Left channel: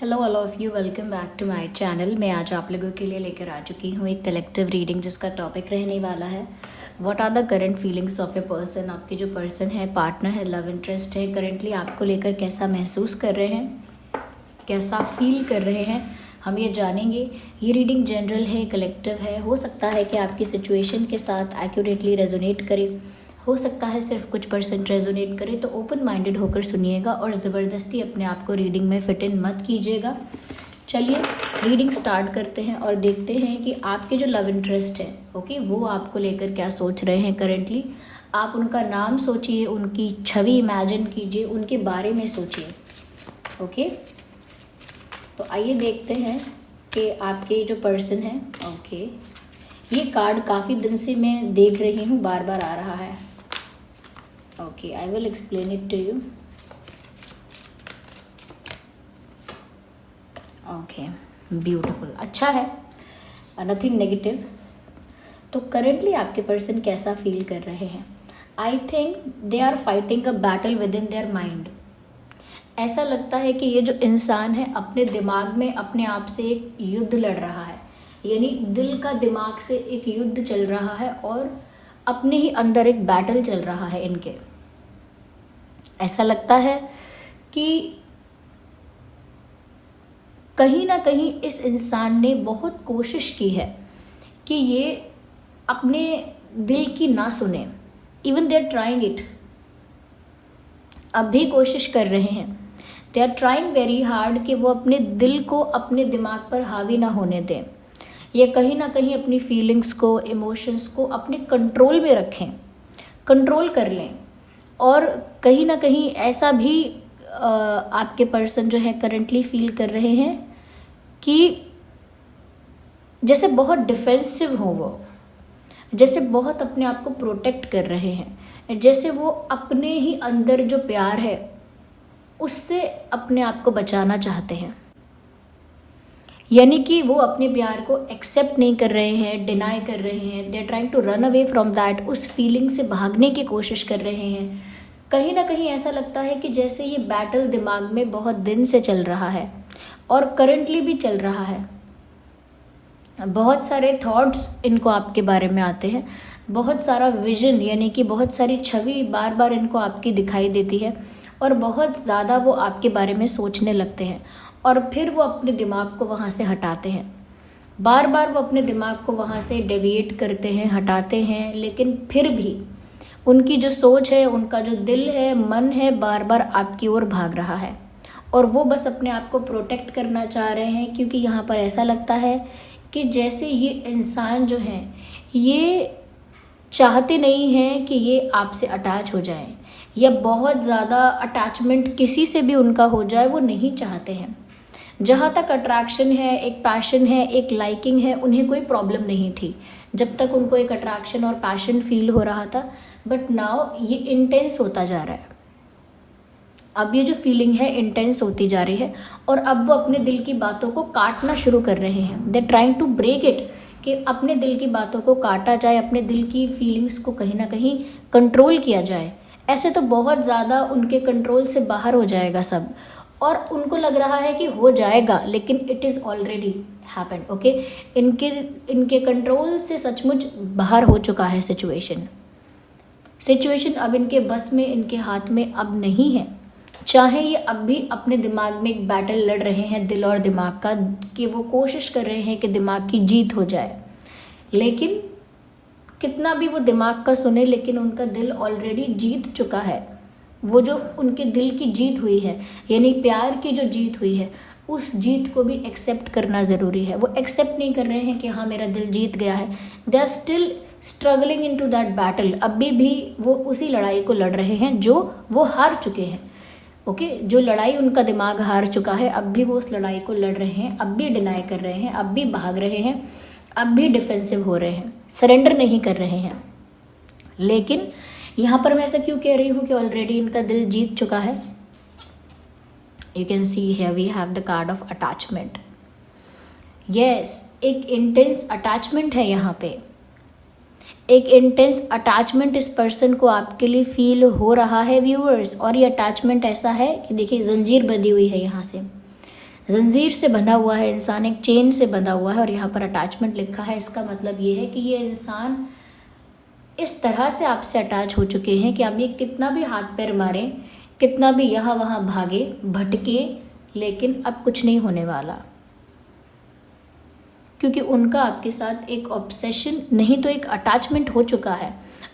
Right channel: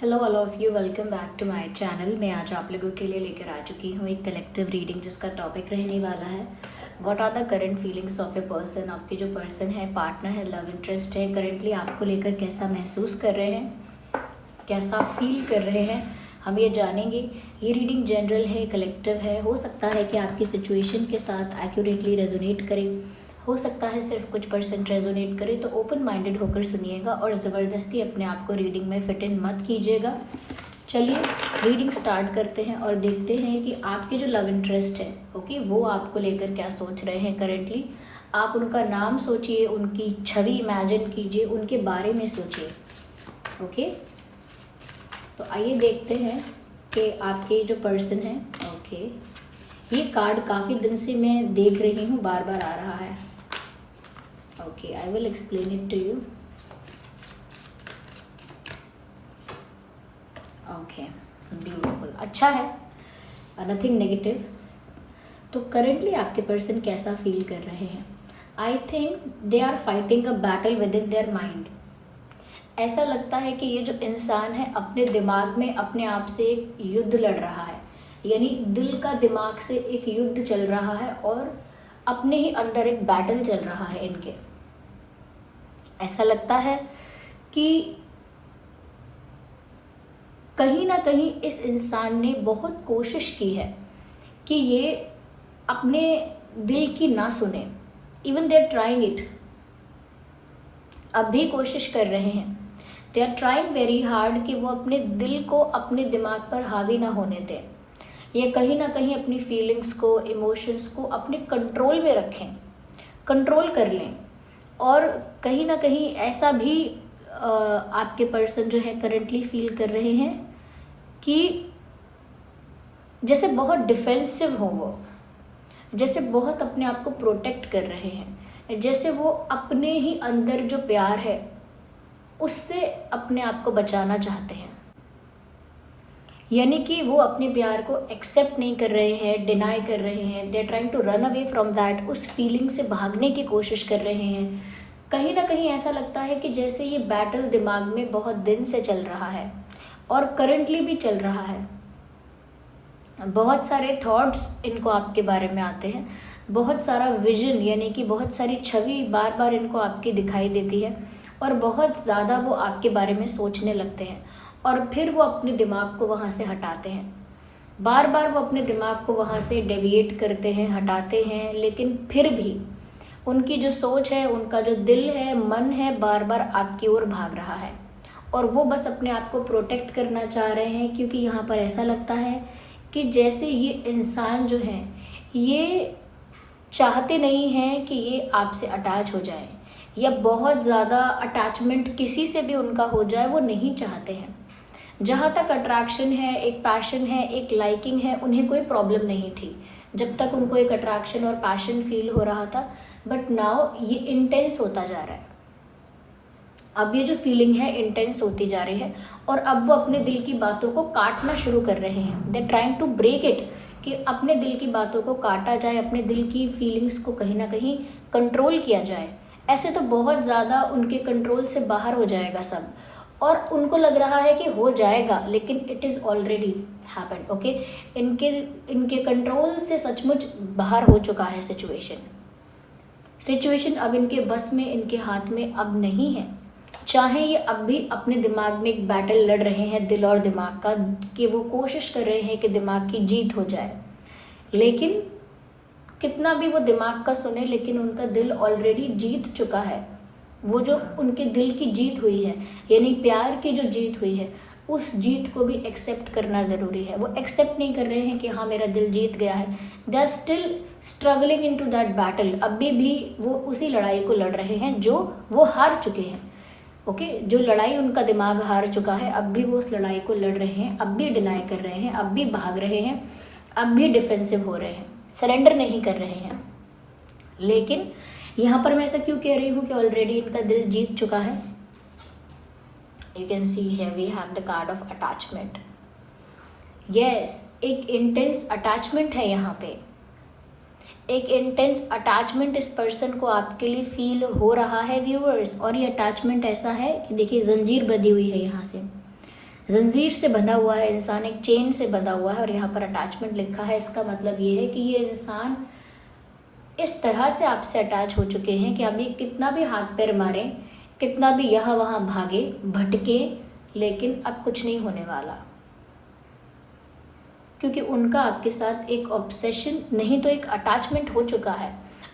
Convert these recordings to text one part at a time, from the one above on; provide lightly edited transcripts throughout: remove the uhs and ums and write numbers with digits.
Hello all of you, welcome back to my channel. मैं आज आप लोगों के लिए लेकर आ चुकी हूँ एक कलेक्टिव रीडिंग जिसका टॉपिक रहने वाला है what are the current feelings of a person. आपके जो पर्सन है, पार्टनर है, लव इंटरेस्ट है, करंटली आपको लेकर कैसा महसूस कर रहे हैं, कैसा फील कर रहे हैं, हम ये जानेंगे। ये रीडिंग जनरल है, कलेक्टिव है। हो सकता है कि आपकी सिचुएशन के साथ एक्यूरेटली रेजोनेट करे, हो सकता है सिर्फ कुछ परसेंट रेजोनेट करे। तो ओपन माइंडेड होकर सुनिएगा और ज़बरदस्ती अपने आप को रीडिंग में फिट इन मत कीजिएगा। चलिए रीडिंग स्टार्ट करते हैं और देखते हैं कि आपके जो लव इंटरेस्ट है, ओके, वो आपको लेकर क्या सोच रहे हैं करंटली। आप उनका नाम सोचिए, उनकी छवि इमेजिन कीजिए, उनके बारे में सोचिए। ओके, तो आइए देखते हैं कि आपके जो पर्सन है, ओके, ये कार्ड काफ़ी दिन से मैं देख रही हूँ, बार बार आ रहा है। Okay, I will explain it to you. Okay, beautiful, अच्छा है, नथिंग नेगेटिव। तो करंटली आपके पर्सन कैसा फील कर रहे हैं? I think they are fighting a battle within their mind. ऐसा लगता है कि ये जो इंसान है अपने दिमाग में अपने आप से एक युद्ध लड़ रहा है, यानी दिल का दिमाग से एक युद्ध चल रहा है और अपने ही अंदर एक बैटल चल रहा है इनके। ऐसा लगता है कि कहीं ना कहीं इस इंसान ने बहुत कोशिश की है कि ये अपने दिल की ना सुने। Even they are trying it, अब भी कोशिश कर रहे हैं। They are trying very hard कि वो अपने दिल को अपने दिमाग पर हावी ना होने दें, ये कहीं ना कहीं अपनी फीलिंग्स को, इमोशंस को अपने कंट्रोल में रखें, कंट्रोल कर लें। और कहीं ना कहीं ऐसा भी आपके पर्सन जो है करंटली फील कर रहे हैं कि जैसे बहुत डिफेंसिव हो वो, जैसे बहुत अपने आप को प्रोटेक्ट कर रहे हैं, जैसे वो अपने ही अंदर जो प्यार है उससे अपने आप को बचाना चाहते हैं। यानी कि वो अपने प्यार को एक्सेप्ट नहीं कर रहे हैं, डिनाई कर रहे हैं। They are trying to run away from that, उस फीलिंग से भागने की कोशिश कर रहे हैं। कहीं ना कहीं ऐसा लगता है कि जैसे ये बैटल दिमाग में बहुत दिन से चल रहा है और करंटली भी चल रहा है। बहुत सारे थॉट्स इनको आपके बारे में आते हैं, बहुत सारा विजन, यानी कि बहुत सारी छवि बार बार इनको आपकी दिखाई देती है और बहुत ज़्यादा वो आपके बारे में सोचने लगते हैं और फिर वो अपने दिमाग को वहाँ से हटाते हैं। बार बार वो अपने दिमाग को वहाँ से डेविएट करते हैं, हटाते हैं, लेकिन फिर भी उनकी जो सोच है, उनका जो दिल है, मन है, बार बार आपकी ओर भाग रहा है और वो बस अपने आप को प्रोटेक्ट करना चाह रहे हैं। क्योंकि यहाँ पर ऐसा लगता है कि जैसे ये इंसान जो है ये चाहते नहीं हैं कि ये आपसे अटैच हो जाए या बहुत ज़्यादा अटैचमेंट किसी से भी उनका हो जाए, वो नहीं चाहते हैं। जहाँ तक अट्रैक्शन है, एक पैशन है, एक लाइकिंग है, उन्हें कोई प्रॉब्लम नहीं थी जब तक उनको एक अट्रैक्शन और पैशन फील हो रहा था। बट नाउ ये इंटेंस होता जा रहा है। अब ये जो फीलिंग है इंटेंस होती जा रही है और अब वो अपने दिल की बातों को काटना शुरू कर रहे हैं। They trying to break it, कि अपने दिल की बातों को काटा जाए, अपने दिल की फीलिंग्स को कहीं ना कहीं कंट्रोल किया जाए। ऐसे तो बहुत ज़्यादा उनके कंट्रोल से बाहर हो जाएगा सब और उनको लग रहा है कि हो जाएगा, लेकिन it is already happened. Okay, इनके कंट्रोल से सचमुच बाहर हो चुका है सिचुएशन अब इनके बस में, इनके हाथ में अब नहीं है। चाहे ये अब भी अपने दिमाग में एक बैटल लड़ रहे हैं, दिल और दिमाग का, कि वो कोशिश कर रहे हैं कि दिमाग की जीत हो जाए, लेकिन कितना भी वो दिमाग का सुने, लेकिन उनका दिल ऑलरेडी जीत चुका है। वो जो उनके दिल की जीत हुई है, यानी प्यार की जो जीत हुई है, उस जीत को भी एक्सेप्ट करना ज़रूरी है। वो एक्सेप्ट नहीं कर रहे हैं कि हाँ मेरा दिल जीत गया है। They are still struggling into that battle. अभी भी वो उसी लड़ाई को लड़ रहे हैं जो वो हार चुके हैं। ओके, जो लड़ाई उनका दिमाग हार चुका है, अब भी वो उस लड़ाई को लड़ रहे हैं, अब भी डिनाई कर रहे हैं, अब भी भाग रहे हैं, अब भी डिफेंसिव हो रहे हैं, सरेंडर नहीं कर रहे हैं। लेकिन यहाँ पर मैं ऐसा क्यों कह रही हूँ कि ऑलरेडी इनका दिल जीत चुका है? You can see here we have the card of attachment. Yes, एक इंटेंस अटैचमेंट है यहाँ पे। एक इंटेंस अटैचमेंट इस पर्सन को आपके लिए फील हो रहा है व्यूअर्स। और ये अटैचमेंट ऐसा है कि देखिए जंजीर बंधी हुई है यहाँ से, जंजीर से बंधा हुआ है इंसान, एक चेन से बंधा हुआ है और यहाँ पर अटैचमेंट लिखा है। इसका मतलब ये है कि ये इंसान इस तरह से आपसे अटैच हो चुके हैं कि आप ये कितना भी हाथ पैर मारें, कितना भी यहाँ वहाँ भागे भटके, लेकिन अब कुछ नहीं होने वाला, क्योंकि उनका आपके साथ एक ऑब्सेशन नहीं तो एक अटैचमेंट हो चुका है,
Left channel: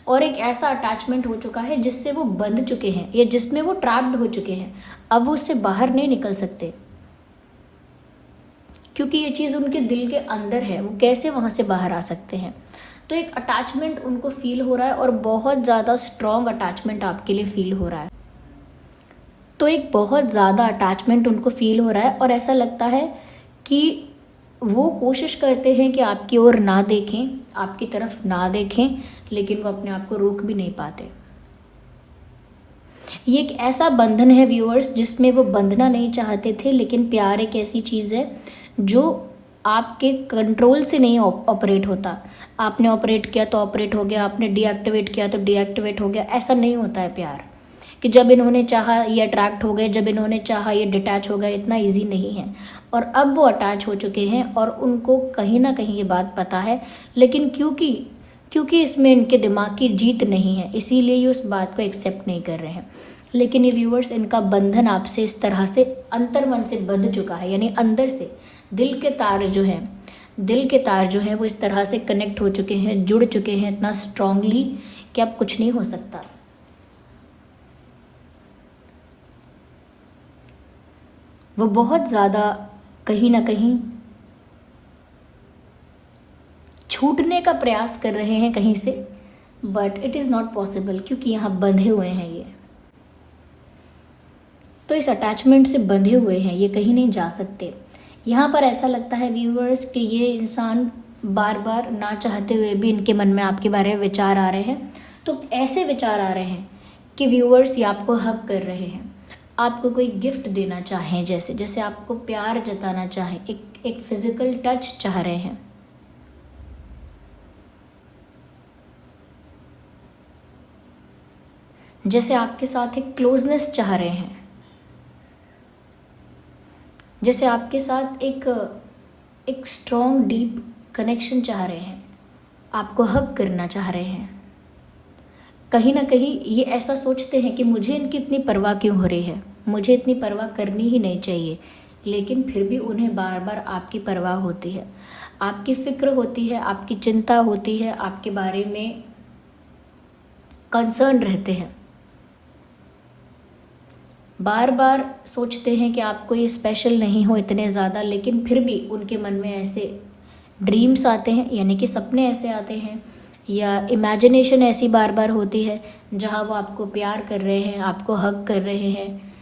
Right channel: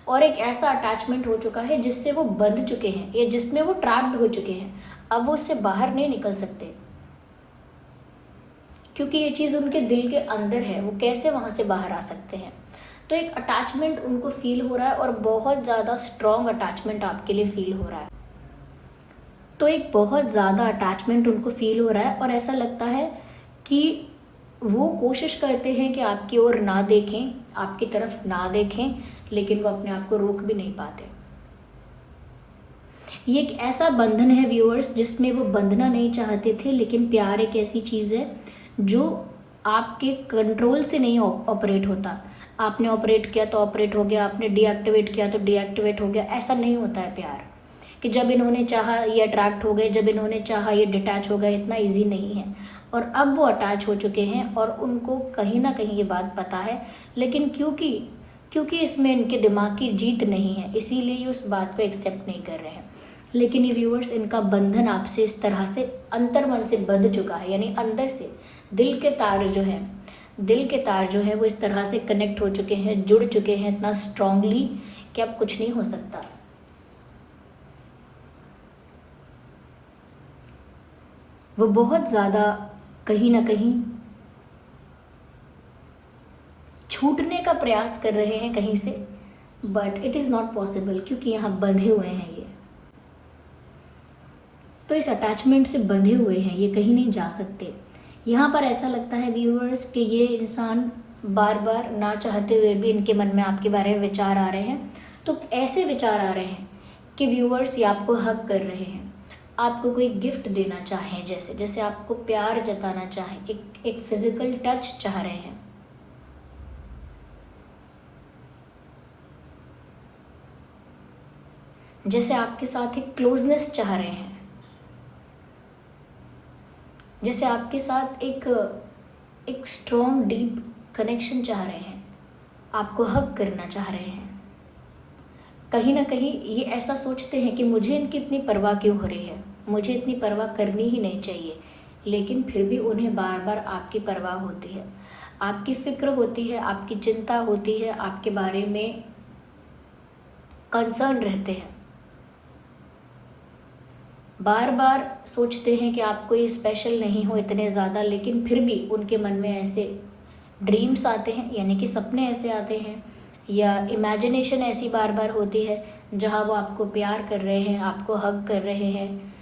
और एक ऐसा अटैचमेंट हो चुका है जिससे वो बंध चुके हैं या जिसमें वो ट्रैप्ड हो चुके हैं। अब वो उससे बाहर नहीं निकल सकते, क्योंकि ये चीज़ उनके दिल के अंदर है। वो कैसे वहाँ से बाहर आ सकते हैं? तो एक अटैचमेंट उनको फील हो रहा है और बहुत ज़्यादा स्ट्रॉन्ग अटैचमेंट आपके लिए फील हो रहा है। तो एक बहुत ज़्यादा अटैचमेंट उनको फील हो रहा है और ऐसा लगता है कि वो कोशिश करते हैं कि आपकी ओर ना देखें, आपकी तरफ ना देखें, लेकिन वो अपने आप को रोक भी नहीं पाते। ये एक ऐसा बंधन है व्यूअर्स जिसमें वो बंधना नहीं चाहते थे, लेकिन प्यार एक ऐसी चीज़ है जो आपके कंट्रोल से नहीं ऑपरेट होता। आपने ऑपरेट किया तो ऑपरेट हो गया, आपने डीएक्टिवेट किया तो डीएक्टिवेट हो गया। ऐसा नहीं होता है प्यार कि जब इन्होंने चाहा ये अट्रैक्ट हो गए, जब इन्होंने चाहा ये डिटैच हो गए। इतना इजी नहीं है। और अब वो अटैच हो चुके हैं और उनको कहीं ना कहीं ये बात पता है, लेकिन क्योंकि इसमें इनके दिमाग की जीत नहीं है, इसीलिए ये उस बात को एक्सेप्ट नहीं कर रहे हैं। लेकिन ये व्यूअर्स, इनका बंधन आपसे इस तरह से अंतर्मन से बंध चुका है, यानी अंदर से दिल के तार जो हैं वो इस तरह से कनेक्ट हो चुके हैं, जुड़ चुके हैं इतना स्ट्रांगली कि अब कुछ नहीं हो सकता। वो बहुत ज़्यादा कहीं ना कहीं छूटने का प्रयास कर रहे हैं कहीं से, but it is not possible, क्योंकि यहाँ बंधे हुए हैं ये। तो इस अटैचमेंट से बंधे हुए हैं, ये कहीं नहीं जा सकते। यहाँ पर ऐसा लगता है व्यूअर्स कि ये इंसान बार बार ना चाहते हुए भी इनके मन में आपके बारे में विचार आ रहे हैं। तो ऐसे विचार आ रहे हैं कि व्यूअर्स ये आपको हक कर रहे हैं, आपको कोई गिफ्ट देना चाहें, जैसे आपको प्यार जताना चाहें, एक फिजिकल टच चाह रहे हैं। जैसे आपके साथ एक क्लोजनेस चाह रहे हैं, जैसे आपके साथ एक स्ट्रॉन्ग डीप कनेक्शन चाह रहे हैं, आपको हक करना चाह रहे हैं। कहीं ना कहीं ये ऐसा सोचते हैं कि मुझे इनकी इतनी परवाह क्यों हो रही है, मुझे इतनी परवाह करनी ही नहीं चाहिए, लेकिन फिर भी उन्हें बार बार आपकी परवाह होती है, आपकी फिक्र होती है, आपकी चिंता होती है, आपके बारे में कंसर्न रहते हैं। बार बार सोचते हैं कि आप कोई स्पेशल नहीं हो इतने ज़्यादा, लेकिन फिर भी उनके मन में ऐसे ड्रीम्स आते हैं, यानी कि सपने ऐसे आते हैं या इमेजिनेशन ऐसी बार बार होती है जहाँ वो आपको प्यार कर रहे हैं, आपको हग कर रहे हैं,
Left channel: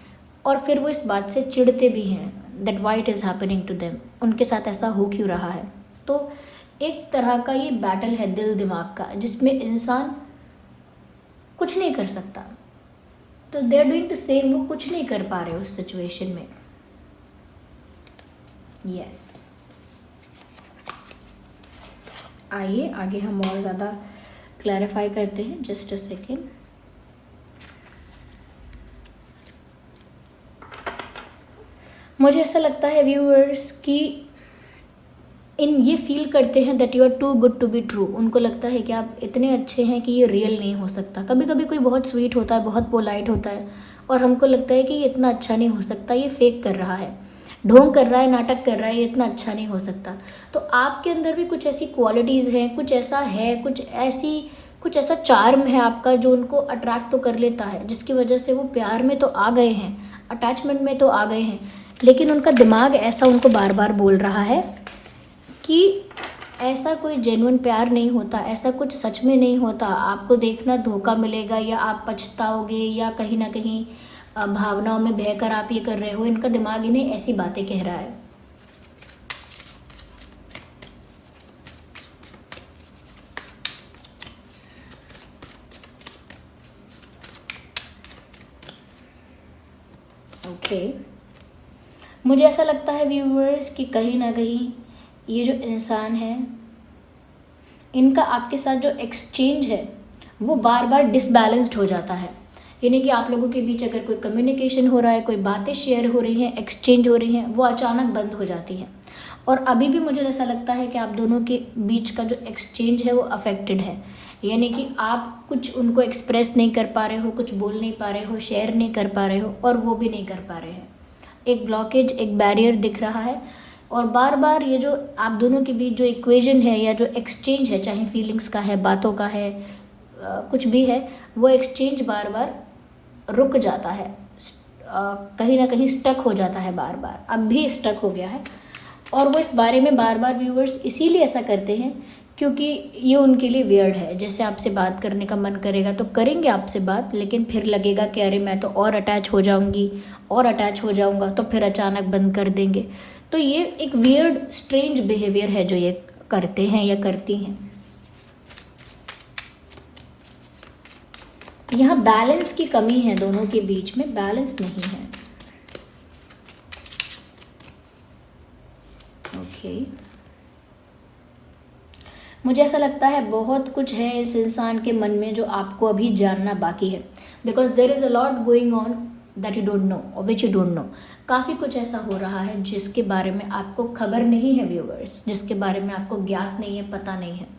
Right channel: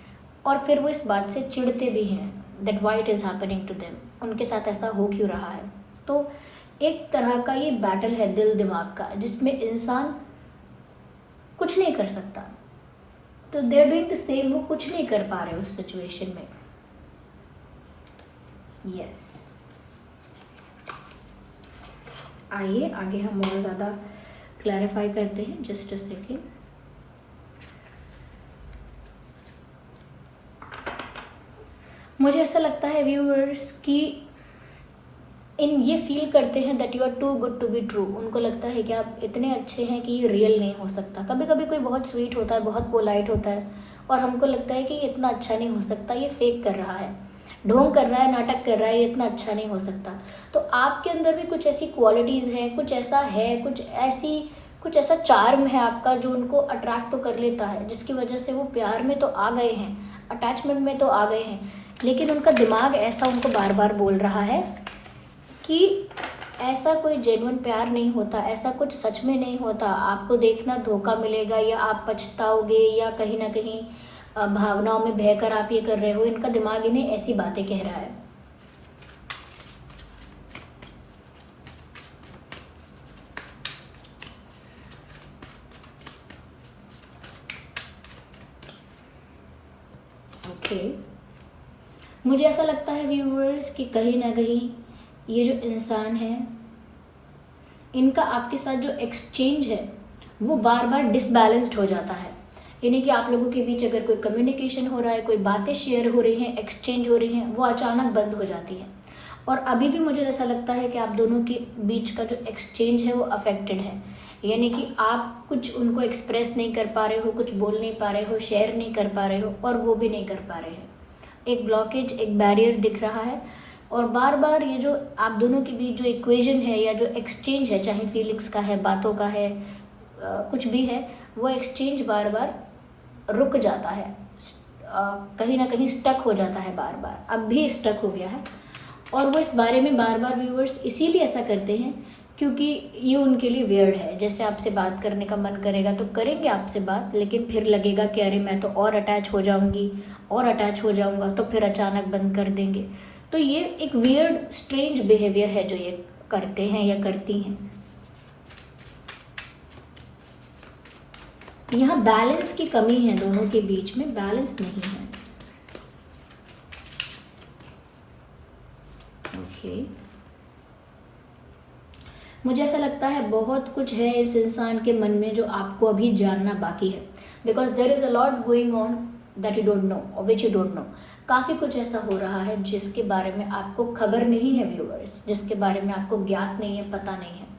और फिर वो इस बात से चिढ़ते भी हैं that why it is happening to them, उनके साथ ऐसा हो क्यों रहा है। तो एक तरह का ये बैटल है दिल दिमाग का, जिसमें इंसान कुछ नहीं कर सकता। तो they are doing the same, वो कुछ नहीं कर पा रहे उस सिचुएशन में। यस, आइए आगे हम और ज़्यादा क्लैरिफाई करते हैं। Just a second. मुझे ऐसा लगता है व्यूअर्स कि ये फील करते हैं that you are too good to be true. उनको लगता है कि आप इतने अच्छे हैं कि ये रियल नहीं हो सकता। कभी कभी कोई बहुत स्वीट होता है, बहुत पोलाइट होता है, और हमको लगता है कि ये इतना अच्छा नहीं हो सकता, ये फेक कर रहा है, ढोंग कर रहा है, नाटक कर रहा है, ये इतना अच्छा नहीं हो सकता। तो आपके अंदर भी कुछ ऐसी क्वालिटीज़ हैं, कुछ ऐसा है, कुछ ऐसा चार्म है आपका जो उनको अट्रैक्ट तो कर लेता है, जिसकी वजह से वो प्यार में तो आ गए हैं, अटैचमेंट में तो आ गए हैं, लेकिन उनका दिमाग ऐसा उनको बार बार बोल रहा है कि ऐसा कोई जेन्युइन प्यार नहीं होता, ऐसा कुछ सच में नहीं होता, आपको देखना धोखा मिलेगा या आप पछताओगे या कहीं ना कहीं भावनाओं में बहकर आप ये कर रहे हो। इनका दिमाग इन्हें ऐसी बातें कह रहा है। ओके, मुझे ऐसा लगता है व्यूअर्स कि कहीं ना कहीं ये जो इंसान है, इनका आपके साथ जो एक्सचेंज है वो बार बार डिसबैलेंस्ड हो जाता है, यानी कि आप लोगों के बीच अगर कोई कम्युनिकेशन हो रहा है, कोई बातें शेयर हो रही हैं, एक्सचेंज हो रही हैं, वो अचानक बंद हो जाती हैं। और अभी भी मुझे ऐसा लगता है कि आप दोनों के बीच का जो एक्सचेंज है वो अफेक्टेड है, यानी कि आप कुछ उनको एक्सप्रेस नहीं कर पा रहे हो, कुछ बोल नहीं पा रहे हो, शेयर नहीं कर पा रहे हो, और वो भी नहीं कर पा रहे हैं। एक ब्लॉकेज, एक बैरियर दिख रहा है। और बार बार ये जो आप दोनों के बीच जो इक्वेशन है या जो एक्सचेंज है, चाहे फीलिंग्स का है, बातों का है, कुछ भी है, वो एक्सचेंज बार बार रुक जाता है, कहीं ना कहीं स्टक हो जाता है, बार बार अब भी स्टक हो गया है। और वो इस बारे में बार बार व्यूअर्स इसीलिए ऐसा करते हैं क्योंकि ये उनके लिए वियर्ड है। जैसे आपसे बात करने का मन करेगा तो करेंगे आपसे बात, लेकिन फिर लगेगा कि अरे मैं तो और अटैच हो जाऊंगी और अटैच हो जाऊंगा, तो फिर अचानक बंद कर देंगे। तो ये एक वियर्ड स्ट्रेंज बिहेवियर है जो ये करते हैं या करती हैं। यहाँ बैलेंस की कमी है, दोनों के बीच में बैलेंस नहीं है। ओके, मुझे ऐसा लगता है बहुत कुछ है इस इंसान के मन में जो आपको अभी जानना बाकी है, because there is a lot going on that you don't know और विच यू डोंट नो। काफ़ी कुछ ऐसा हो रहा है जिसके बारे में आपको खबर नहीं है व्यूअर्स, जिसके बारे में आपको ज्ञात नहीं है, पता नहीं है।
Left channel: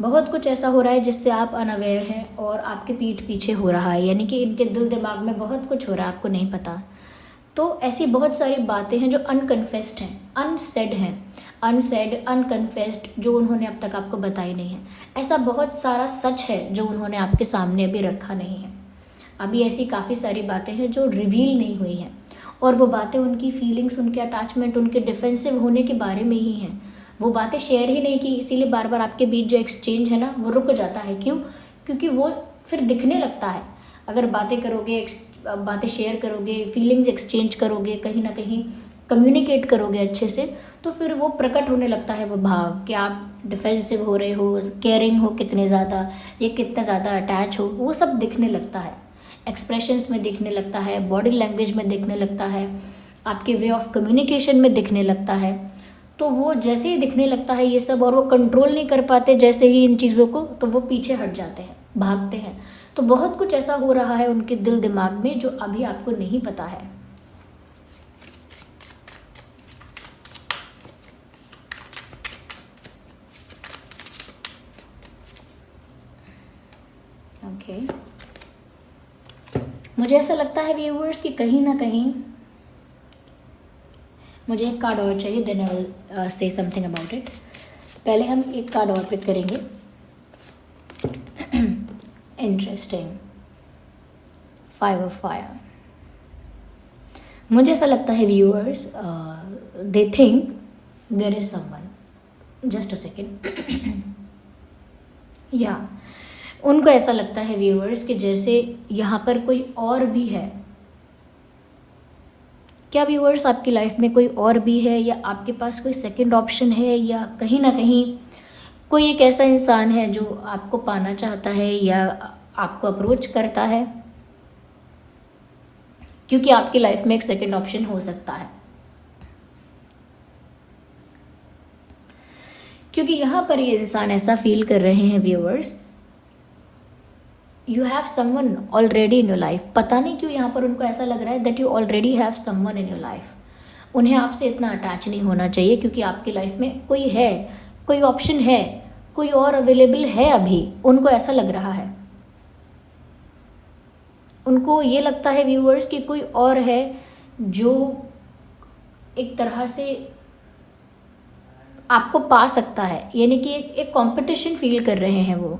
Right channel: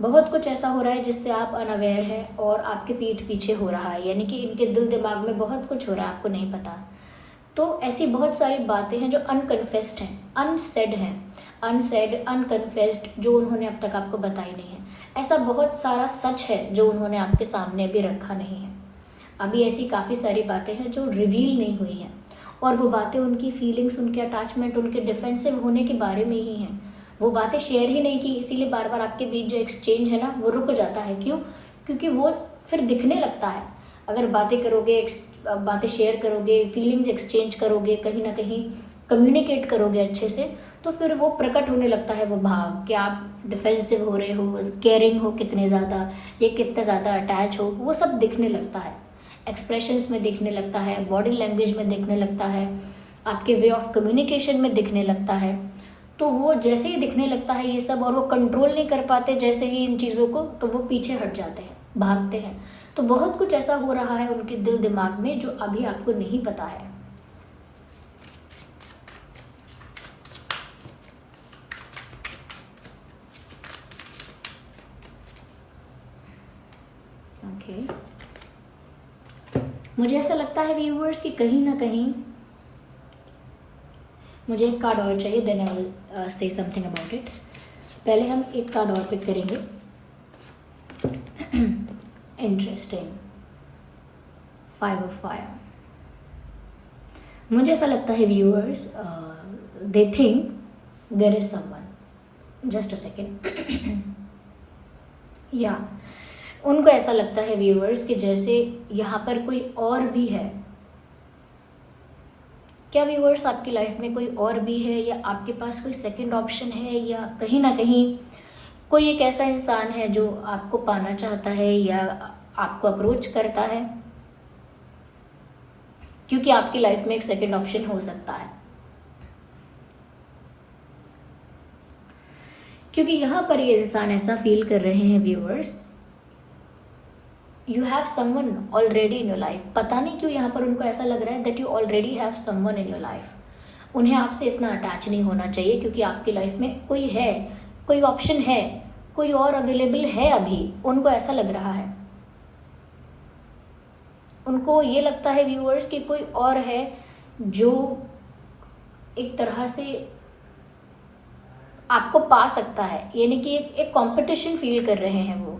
बहुत कुछ ऐसा हो रहा है जिससे आप अनअवेयर हैं और आपके पीठ पीछे हो रहा है, यानी कि इनके दिल दिमाग में बहुत कुछ हो रहा है, आपको नहीं पता। तो ऐसी बहुत सारी बातें हैं जो अनकन्फेस्ड हैं, अनसेड हैं, अनसेड, अनकन्फेस्ड, जो उन्होंने अब तक आपको बताई नहीं है। ऐसा बहुत सारा सच है जो उन्होंने आपके सामने अभी रखा नहीं है। अभी ऐसी काफ़ी सारी बातें हैं जो रिवील नहीं हुई हैं, और वो बातें उनकी फीलिंग्स, उनके अटैचमेंट, उनके डिफेंसिव होने के बारे में ही हैं। वो बातें शेयर ही नहीं की, इसीलिए बार बार आपके बीच जो एक्सचेंज है ना वो रुक जाता है। क्यों? क्योंकि वो फिर दिखने लगता है। अगर बातें करोगे, बातें शेयर करोगे, फीलिंग्स एक्सचेंज करोगे, कहीं ना कहीं कम्युनिकेट करोगे अच्छे से, तो फिर वो प्रकट होने लगता है वो भाव कि आप डिफेंसिव हो रहे हो, केयरिंग हो कितने ज़्यादा, ये कितना ज़्यादा अटैच हो, वो सब दिखने लगता है। एक्सप्रेशंस में दिखने लगता है, बॉडी लैंग्वेज में दिखने लगता है, आपके वे ऑफ कम्युनिकेशन में दिखने लगता है। तो वो जैसे ही दिखने लगता है ये सब, और वो कंट्रोल नहीं कर पाते जैसे ही इन चीज़ों को, तो वो पीछे हट जाते हैं, भागते हैं। तो बहुत कुछ ऐसा हो रहा है उनके दिल दिमाग में जो अभी आपको नहीं पता है। ओके, मुझे ऐसा लगता है व्यूअर्स कि कहीं ना कहीं मुझे एक कार्ड और चाहिए, then I will say something about it. पहले हम एक कार्ड और पिक करेंगे। Interesting, 5 of fire. मुझे ऐसा लगता है viewers, they think there is someone, just a second, या उनको ऐसा लगता है व्यूअर्स कि जैसे यहाँ पर कोई और भी है। क्या व्यूअर्स आपकी लाइफ में कोई और भी है, या आपके पास कोई सेकंड ऑप्शन है, या कहीं ना कहीं कोई एक ऐसा इंसान है जो आपको पाना चाहता है या आपको अप्रोच करता है? क्योंकि आपकी लाइफ में एक सेकंड ऑप्शन हो सकता है, क्योंकि यहाँ पर ये इंसान ऐसा फील कर रहे हैं viewers, you have someone already in your life. पता नहीं क्यों यहाँ पर उनको ऐसा लग रहा है that you already have someone in your life. उन्हें आपसे इतना अटैच नहीं होना चाहिए, क्योंकि आपकी लाइफ में कोई है, कोई ऑप्शन है, कोई और अवेलेबल है अभी, उनको ऐसा लग रहा है। उनको ये लगता है व्यूअर्स कि कोई और है जो एक तरह से आपको पा सकता है, यानी कि एक कंपटीशन फील कर रहे हैं वो,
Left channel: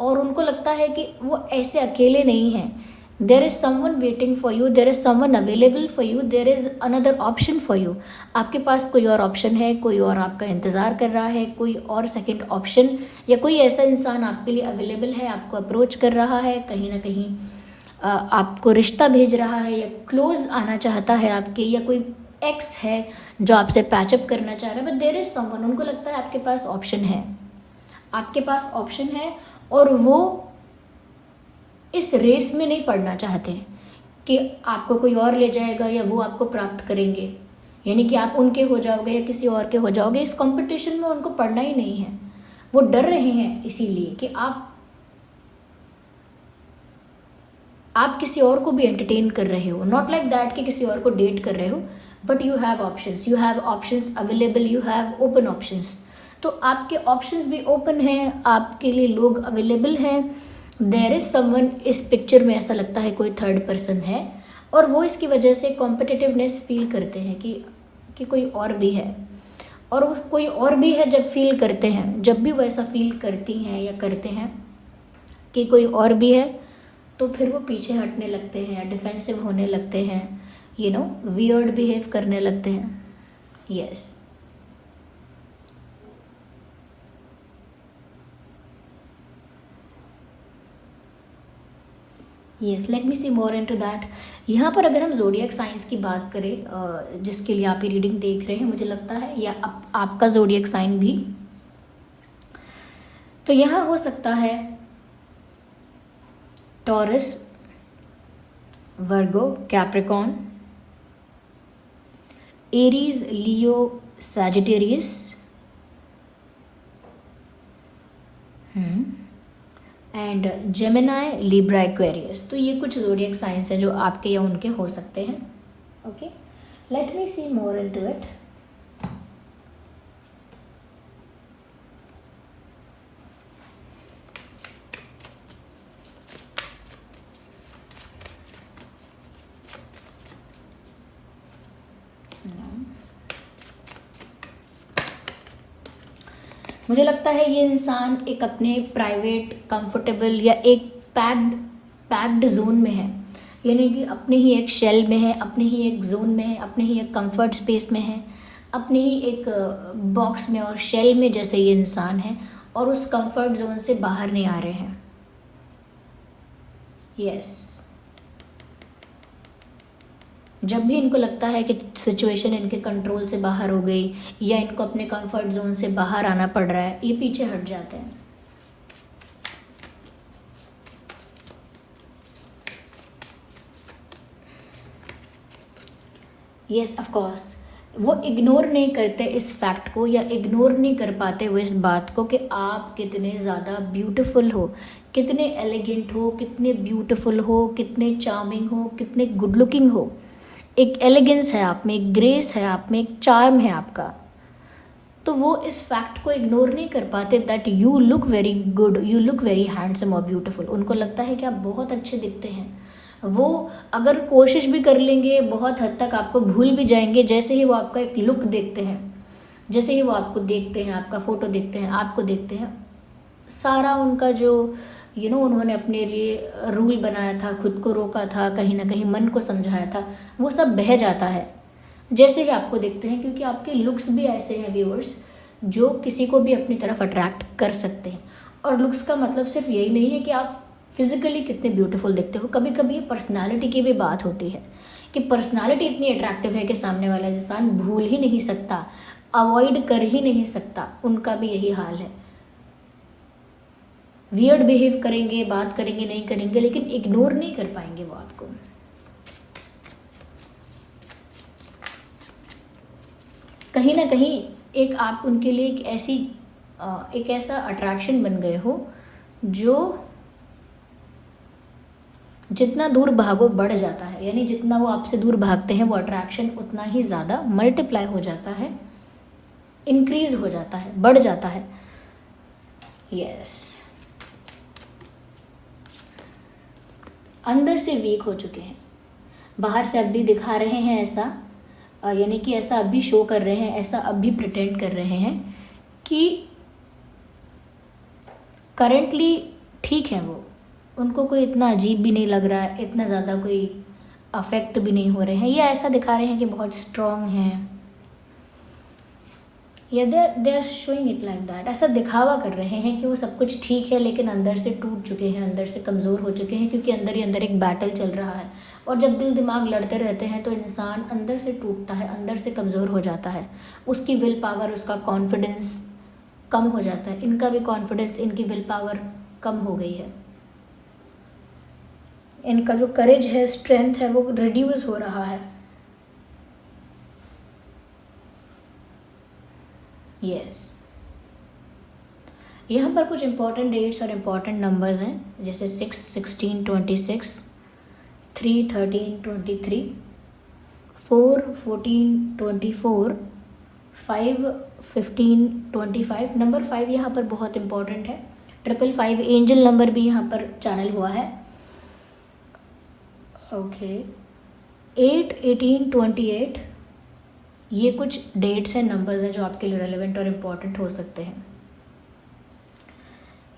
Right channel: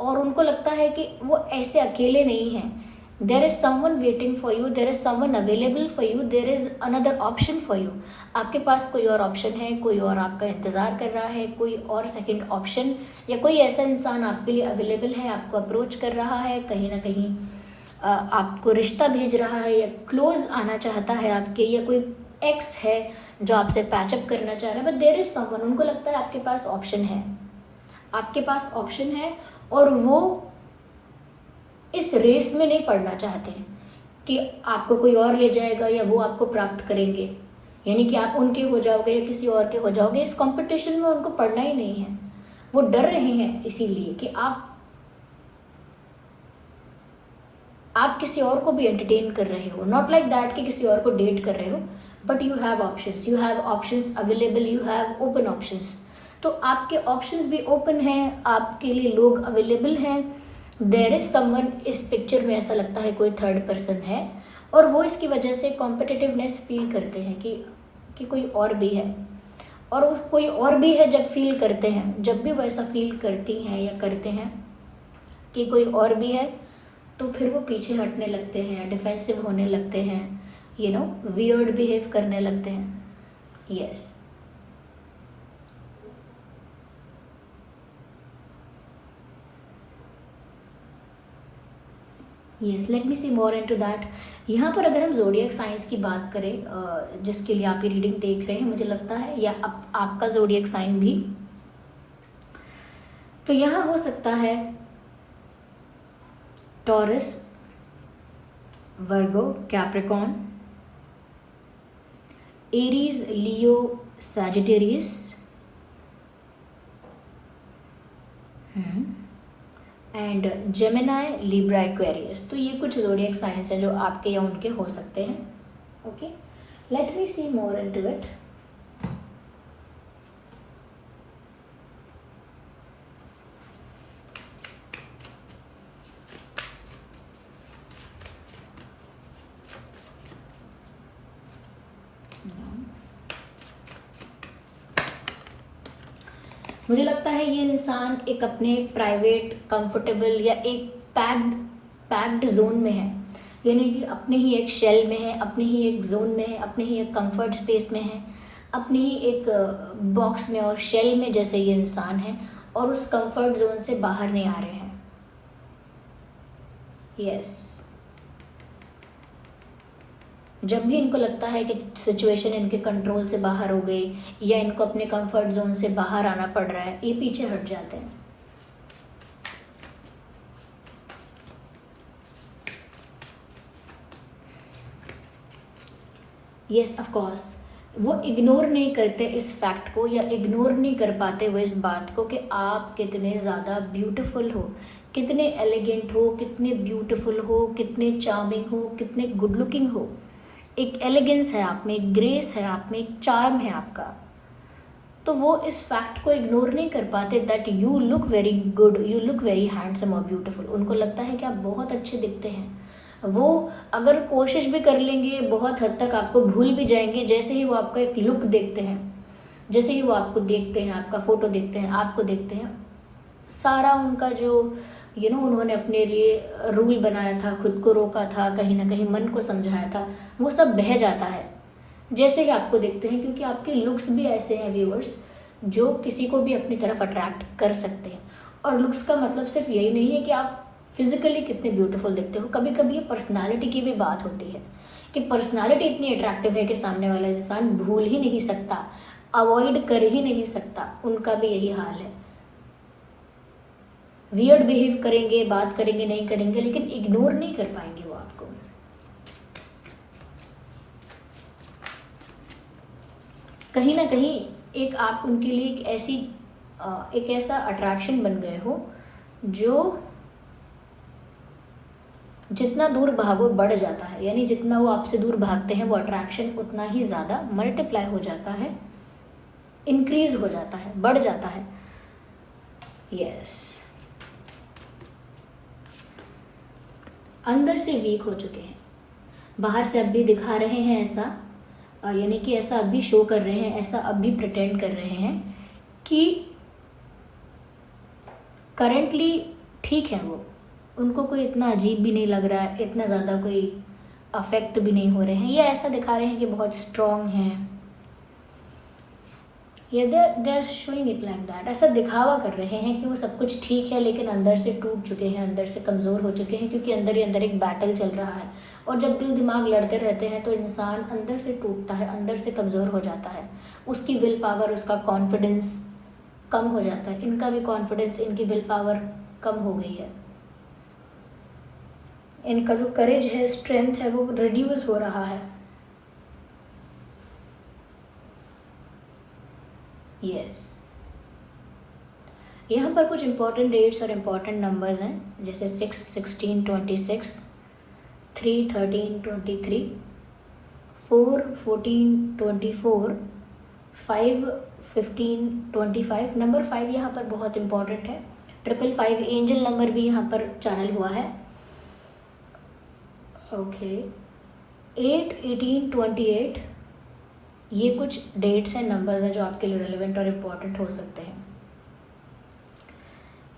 और उनको लगता है कि वो ऐसे अकेले नहीं हैं। There is someone waiting for you, there is someone available for you, there is another option for you. आपके पास कोई और ऑप्शन है, कोई और आपका इंतज़ार कर रहा है, कोई और सेकंड ऑप्शन, या कोई ऐसा इंसान आपके लिए अवेलेबल है, आपको अप्रोच कर रहा है, कहीं ना कहीं आपको रिश्ता भेज रहा है, या क्लोज आना चाहता है आपके, या कोई एक्स है जो आपसे पैचअप करना चाह रहा है। बट देर इज समवन, उनको लगता है आपके पास ऑप्शन है, आपके पास ऑप्शन है, और वो इस रेस में नहीं पड़ना चाहते कि आपको कोई और ले जाएगा या वो आपको प्राप्त करेंगे, यानी कि आप उनके हो जाओगे या किसी और के हो जाओगे। इस कंपटीशन में उनको पढ़ना ही नहीं है। वो डर रहे हैं इसीलिए कि आप किसी और को भी एंटरटेन कर रहे हो, नॉट लाइक दैट कि किसी और को डेट कर रहे हो, but you have options available, you have open options. तो आपके ऑप्शंस भी ओपन हैं, आपके लिए लोग अवेलेबल हैं। देयर इज समवन, इस पिक्चर में ऐसा लगता है कोई थर्ड पर्सन है, और वो इसकी वजह से कॉम्पिटिटिवनेस फील करते हैं कि कोई और भी है। और वो कोई और भी है जब फील करते हैं, जब भी वो ऐसा फील करती हैं या करते हैं कि कोई और भी है, तो फिर वो पीछे हटने लगते हैं, डिफेंसिव होने लगते हैं, वियर्ड बिहेव करने लगते हैं। Yes, yes, let me see more into that. यहाँ पर अगर हम जोडियक साइंस की बात करें, जिसके लिए आप ये रीडिंग देख रहे हैं, मुझे लगता है, या आपका जोडियक साइन भी, तो यहाँ हो सकता है taurus, Virgo, Capricorn, Aries, Leo, Sagittarius, and Gemini, Libra, Aquarius. तो ये कुछ ज़ोडिएक साइंस हैं जो आपके या उनके हो सकते हैं। Okay, let me see more into it. मुझे लगता है ये इंसान एक अपने प्राइवेट, कंफर्टेबल या एक पैक्ड जोन में है, यानी कि अपने ही एक शेल में है, अपने ही एक जोन में है, अपने ही एक कंफर्ट स्पेस में है, अपने ही एक बॉक्स में और शेल में जैसे ये इंसान है, और उस कंफर्ट जोन से बाहर नहीं आ रहे हैं। यस, जब भी इनको लगता है कि सिचुएशन इनके कंट्रोल से बाहर हो गई या इनको अपने कंफर्ट जोन से बाहर आना पड़ रहा है, ये पीछे हट जाते हैं। यस, ऑफ कोर्स, वो इग्नोर नहीं करते इस फैक्ट को, या इग्नोर नहीं कर पाते वो इस बात को कि आप कितने ज़्यादा ब्यूटीफुल हो, कितने एलिगेंट हो, कितने ब्यूटीफुल हो, कितने चार्मिंग हो, कितने गुड लुकिंग हो। एक एलिगेंस है आप में, एक ग्रेस है आप में, एक चार्म है आपका। तो वो इस फैक्ट को इग्नोर नहीं कर पाते that you look very good, you look very handsome और ब्यूटीफुल। उनको लगता है कि आप बहुत अच्छे दिखते हैं। वो अगर कोशिश भी कर लेंगे, बहुत हद तक आपको भूल भी जाएंगे, जैसे ही वो आपका एक लुक देखते हैं, जैसे ही वो आपको देखते हैं, आपका फ़ोटो देखते हैं, आपको देखते हैं, सारा उनका जो उन्होंने अपने लिए रूल बनाया था, खुद को रोका था, कहीं ना कहीं मन को समझाया था, वो सब बह जाता है जैसे ही आपको देखते हैं, क्योंकि आपके लुक्स भी ऐसे हैं व्यूअर्स जो किसी को भी अपनी तरफ अट्रैक्ट कर सकते हैं। और लुक्स का मतलब सिर्फ यही नहीं है कि आप फिजिकली कितने ब्यूटीफुल दिखते हो, कभी कभी पर्सनालिटी की भी बात होती है कि पर्सनालिटी इतनी अट्रैक्टिव है कि सामने वाला इंसान भूल ही नहीं सकता, अवॉइड कर ही नहीं सकता। उनका भी यही हाल है, वियर्ड बिहेव करेंगे, बात करेंगे, नहीं करेंगे, लेकिन इग्नोर नहीं कर पाएंगे वो आपको। कहीं ना कहीं एक आप उनके लिए एक ऐसा अट्रैक्शन बन गए हो जो जितना दूर भागो बढ़ जाता है, यानी जितना वो आपसे दूर भागते हैं वो अट्रैक्शन उतना ही ज़्यादा मल्टीप्लाई हो जाता है, इंक्रीज हो जाता है, बढ़ जाता है। यस, अंदर से वीक हो चुके हैं, बाहर से अब भी दिखा रहे हैं ऐसा, यानी कि ऐसा अभी शो कर रहे हैं, ऐसा अभी प्रिटेंड कर रहे हैं कि करेंटली ठीक है वो, उनको कोई इतना अजीब भी नहीं लग रहा है, इतना ज़्यादा कोई अफेक्ट भी नहीं हो रहे हैं, या ऐसा दिखा रहे हैं कि बहुत स्ट्रॉन्ग हैं, या they are showing it like that. ऐसा दिखावा कर रहे हैं कि वो सब कुछ ठीक है, लेकिन अंदर से टूट चुके हैं, अंदर से कमज़ोर हो चुके हैं, क्योंकि अंदर ही अंदर एक बैटल चल रहा है। और जब दिल दिमाग लड़ते रहते हैं तो इंसान अंदर से टूटता है, अंदर से कमज़ोर हो जाता है, उसकी विल पावर, उसका कॉन्फिडेंस कम हो जाता है। इनका भी कॉन्फिडेंस, इनकी विल पावर कम हो गई है, इनका जो करेज है, स्ट्रेंथ है, वो रिड्यूस हो रहा है। यस, यहाँ पर कुछ इंपॉर्टेंट डेट्स और इम्पॉर्टेंट नंबर्स हैं, जैसे 6, 16, 26, 3, 13, 23, 4, 14, 24, 5, 15, 25। नंबर 5 यहाँ पर बहुत इंपॉर्टेंट है। 555 एंजल नंबर भी यहाँ पर चैनल हुआ है। ओके, 8, 18, 28, ये कुछ डेट्स हैं, नंबर्स हैं जो आपके लिए रेलेवेंट और इम्पॉर्टेंट हो सकते हैं।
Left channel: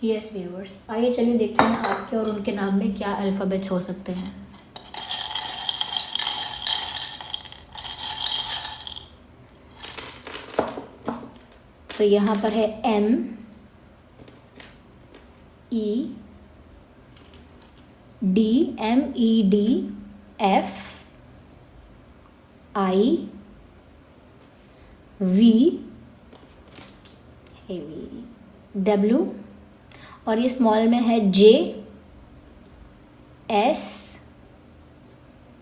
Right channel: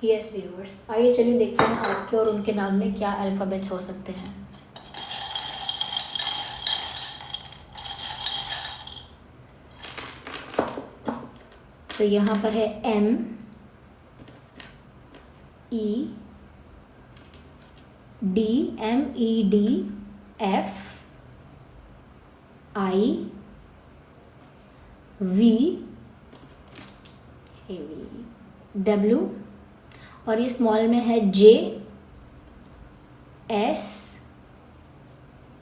यस व्यूअर्स, आइए चलिए देखते हैं आपके और उनके नाम में क्या अल्फ़ाबेट्स हो सकते हैं। तो यहाँ पर है M, E, D, MED, F, I, V, W, और ये स्मॉल में है J, S,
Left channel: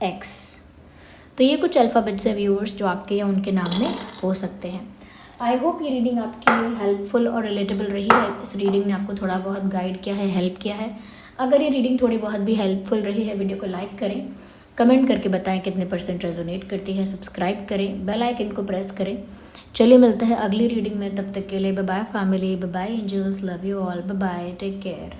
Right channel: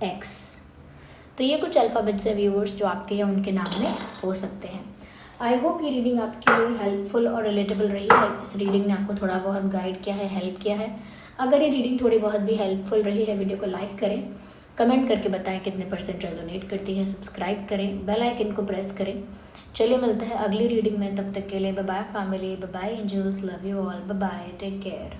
X। तो ये कुछ अल्फ़ाबेट्स हैं व्यूअर्स जो आपके या उनके नाम में हो सकते हैं। आई होप ये रीडिंग आपके लिए हेल्पफुल और रिलेटेबल रही है। इस रीडिंग ने आपको थोड़ा बहुत गाइड किया है, हेल्प किया है। अगर ये रीडिंग थोड़ी बहुत भी हेल्पफुल रही है, वीडियो को लाइक करें, कमेंट करके बताएं कितने % रेजोनेट करती है, सब्सक्राइब करें, बेल आइकन को प्रेस करें। चलिए मिलते हैं अगली रीडिंग में, तब तक के लिए bye bye family, bye bye angels, love you all, bye bye, take care.